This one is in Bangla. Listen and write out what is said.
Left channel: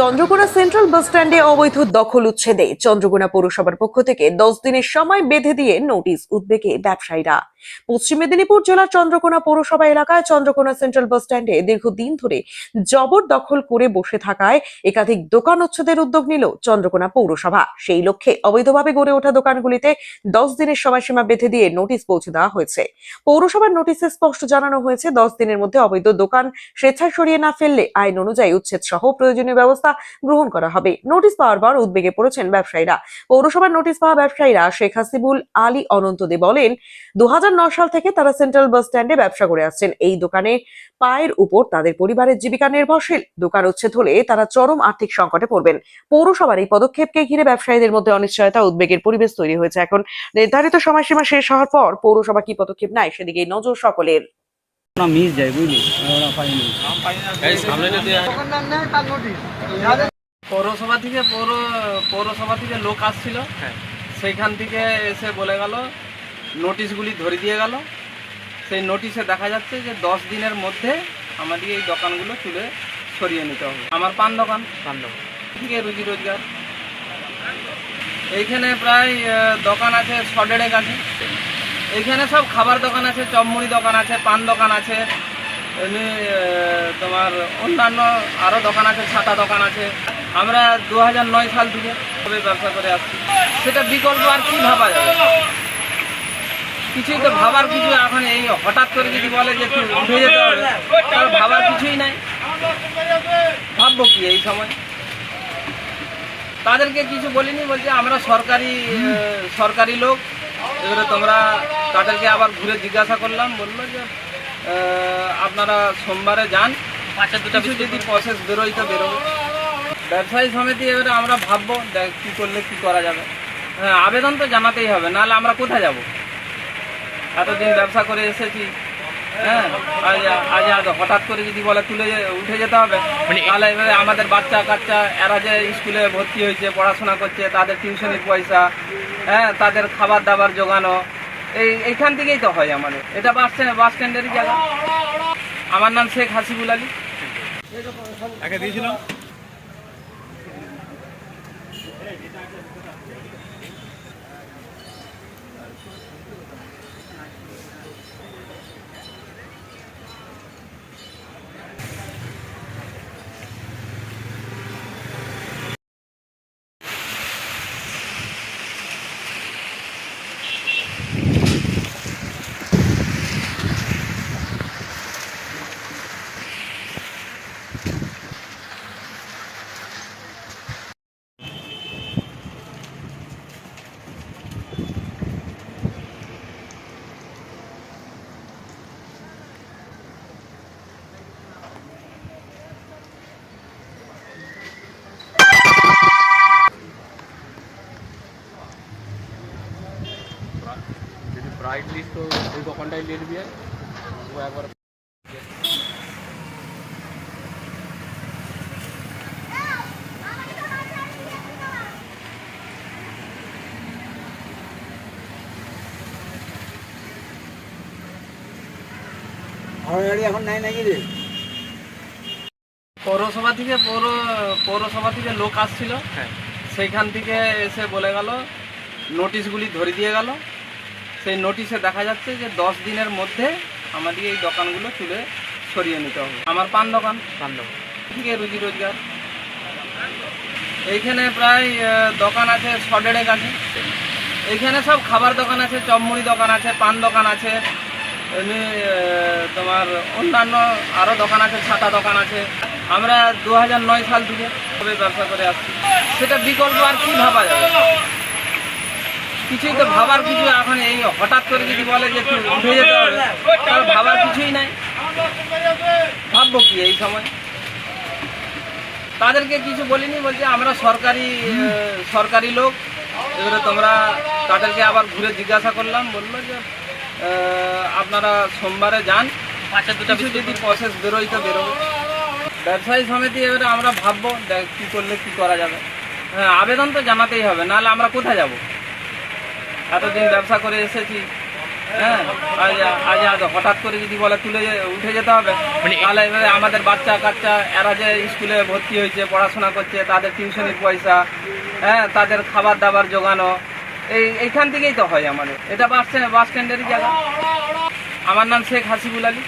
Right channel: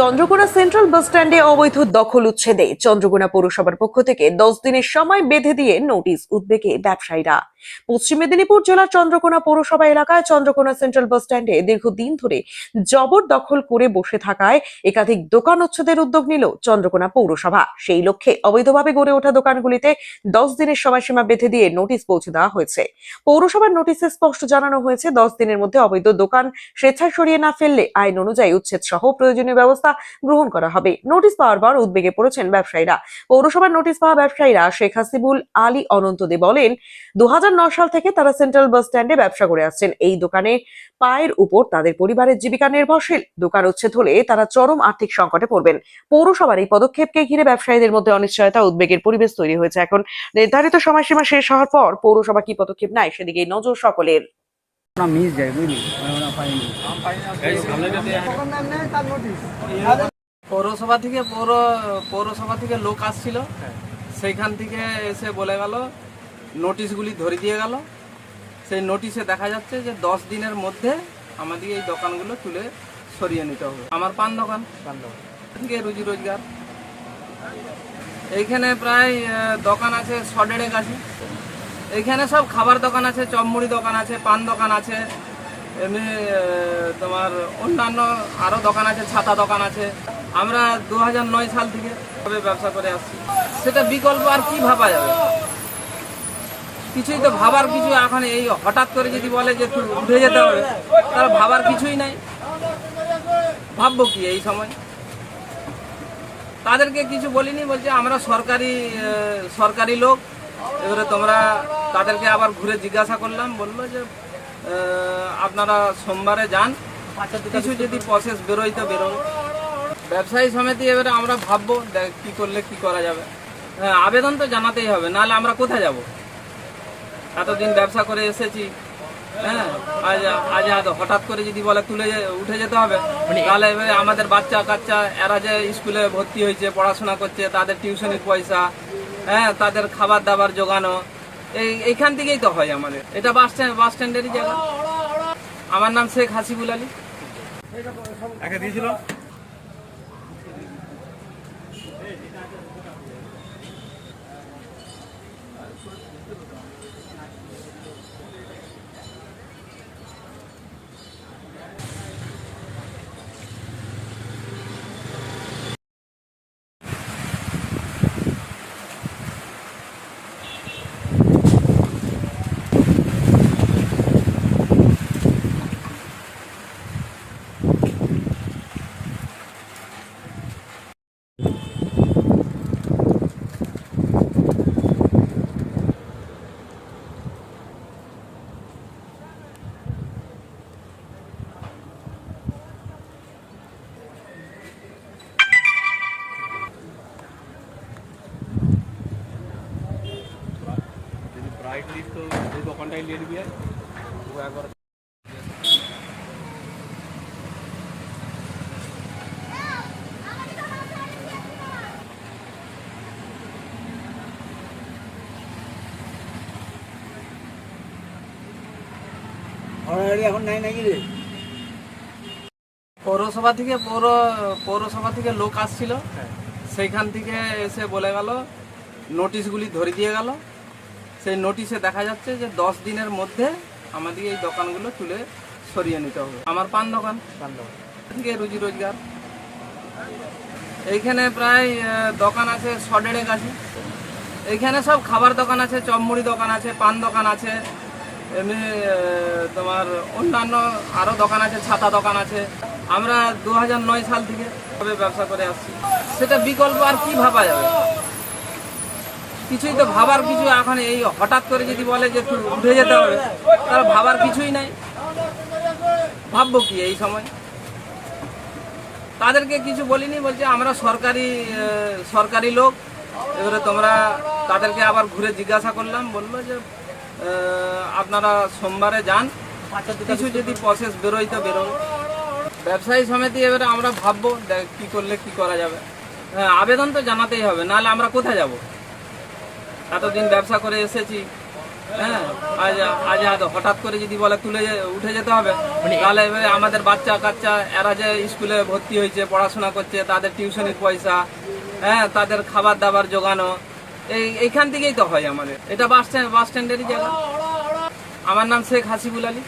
চন্দ্রকোনা সেন্ট্রাল বাস স্ট্যান্ডে অবৈধ দখল উচ্ছেদে চন্দ্রকোনা পৌরসভার পক্ষ থেকে 10 দিনের সময় বেঁধে দিয়ে নোটিশ উদ্বেগে ব্যবসায়ীরা। পশ্চিম মেদিনীপুর জেলার চন্দ্রকোনা পৌরসভা এলাকায় চন্দ্রকোনা সেন্ট্রাল বাস স্ট্যান্ডে দীর্ঘদিন ধরে জবরদখল করে বসে থাকায় একাধিক দোকান উচ্ছেদের উদ্যোগ নিল চন্দ্রকোনা পৌরসভা। সেই লক্ষ্যে অবৈধভাবে গড়ে ওঠা দোকানগুলিতে 10 দিনের সময়সীমা বেঁধে দিয়ে নোটিশ পৌঁছে দেওয়া হয়েছে। পৌরসভার নোটিশে স্পষ্ট জানানো হয়েছে 10 দিনের মধ্যে অবৈধ দোকান স্বেচ্ছায় সরিয়ে না ফেললে আইন অনুযায়ী উচ্ছেদ সহ প্রয়োজনীয় ব্যবস্থা গ্রহণ করা হবে। নোটিশ পাওয়ার পর উদ্বেগে পড়েছেন ব্যবসায়ীরা। পৌরসভার নোটিশ পাওয়া ব্যবসায়ীরা শেখ হাসিবুল আলী অনন্ত দে বলেন, 2009 সাল থেকে তারা সেন্ট্রাল বাস স্ট্যান্ডে ব্যবসা করে আসছেন। এই দোকানে পায়ের উপর তাদের পরিবারের জীবিকা নির্ভরশীল। দোকান উচ্ছেদ হলে তারা চরম আর্থিক সংকটে পড়বেন। পৌরসভার এই পদক্ষেপকে ঘিরে ব্যবসায়ীদের মধ্যে অনিশ্চয়তা, উদ্বেগের পরিবেশ তৈরি হয়েছে। এখন নির্ধারিত সময়সীমা শেষ হওয়ার পর পৌরসভা কি পদক্ষেপ নেয় সেদিকে নজর সকলের। না মিস যায় বুঝলি পৌরসভা থেকে লোক আসছিল, সেইখান থেকে এসে বলে গেল, নোটিশগুলি ধরে দিয়ে গেল। সেই নোটিশে দেখা যাচ্ছে যে 10 দিনের মধ্যে আমাদের এই দোকানগুলো তুলে সরিয়ে নিতে হবে। আমার পান দোকান থেকে রুজি রোজগার, এইখানে প্রায় দোকান আছে 100-150 কাছে। এইখানে সব খাবার দোকান আছে, চপমুড়ি দোকান আছে, পান দোকান আছে, এমনি তোমার অন্যান্য আরও দোকান আছে, ছাতা দোকান আছে। আমরা 2009 সাল থেকে ব্যবসা করে আসছি। সেটা বিকল্প আর কি ভাবা যাবে? কিছুই তো ভাবার কিছু এখন এই হঠাৎ করে যদি বলে যে উঠে যেতে হবে, তার ভাবার কিছুই নাই। ভাববো কি এই সময়? তাদেরকে কিছু বলিনি, বলছে আমরা সরকারি লোক। এবারে তোমরা তাদেরকে আবার ঘুরে জিজ্ঞাসা করলাম, বললো যে আপনারা সোমবারে যান, কিছু যদি প্রসেস বেরোয় তো বেরোবে। ব্যবসায়ী সমিতি এবারে আমরা ভাববো কি করলে কি করা যাবে। হ্যাঁ, আবেদন তো জানাতেই হবে, নাহলে আমরা কোথায় যাব? এতদিন ব্যবসা করে এসেছি। হ্যাঁ, আজ হঠাৎ করে যদি বলে উঠে যেতে হবে, তাহলে এবারে আমাদের বাচ্চা কাচ্চা এরা যে স্কুলে ভর্তি হয়েছে, পড়াশোনা করছে, তাদের টিউশনের পয়সা, হ্যাঁ, তাদের খাবার দাবার জোগানো, এইখান থেকেই তো হয় আমাদের। এটা বাস স্ট্যান্ডেরই জায়গা। আমার নাম শেখ হাসিবুল আলী। এখন নেয় নাকি রে? পৌরসভা থেকে লোক আসছিল, সেইখান থেকে এসে বলে গেল, নোটিশগুলি ধরে দিয়ে গেল। সেই নোটিশে দেখা যাচ্ছে যে 10 দিনের মধ্যে আমাদের এই দোকানগুলো তুলে সরিয়ে নিতে হবে। আমার পান দোকান থেকে রুজি রোজগার, এইখানে প্রায় দোকান আছে 100-150 কাছে। এইখানে সব খাবার দোকান আছে, চপমুড়ি দোকান আছে, পান দোকান আছে, এমনি তোমার অন্যান্য আরও দোকান আছে, ছাতা দোকান আছে। আমরা 2009 সাল থেকে ব্যবসা করে আসছি। সেটা বিকল্প আর কি ভাবা যাবে? কিছুই তো ভাবার কিছু এখন এই হঠাৎ করে যদি বলে যে উঠে যেতে হবে, তার ভাবার কিছুই নাই। ভাববো কি এই সময়? তাদেরকে কিছু বলিনি, বলছে আমরা সরকারি লোক। এবারে তোমরা তাদেরকে আবার ঘুরে জিজ্ঞাসা করলাম, বললো যে আপনারা সোমবারে যান, কিছু যদি প্রসেস বেরোয় তো বেরোবে। ব্যবসায়ী সমিতি এবারে আমরা ভাববো কি করলে কি করা যাবে। হ্যাঁ, আবেদন তো জানাতেই হবে, নাহলে আমরা কোথায় যাব? এতদিন ব্যবসা করে এসেছি। হ্যাঁ আজ আজ আজ হঠাৎ করে যদি বলে উঠে যেতে হবে তাহলে এবারে আমাদের বাচ্চা কাচ্চা এরা যে স্কুলে ভর্তি হয়েছে পড়াশোনা করছে তাদের টিউশনের পয়সা, হ্যাঁ তাদের খাবার দাবার জোগানো এইখান থেকেই তো হয় আমাদের। এটা বাস স্ট্যান্ডেরই জায়গা। আমার নাম শেখ হাসিবুল আলী।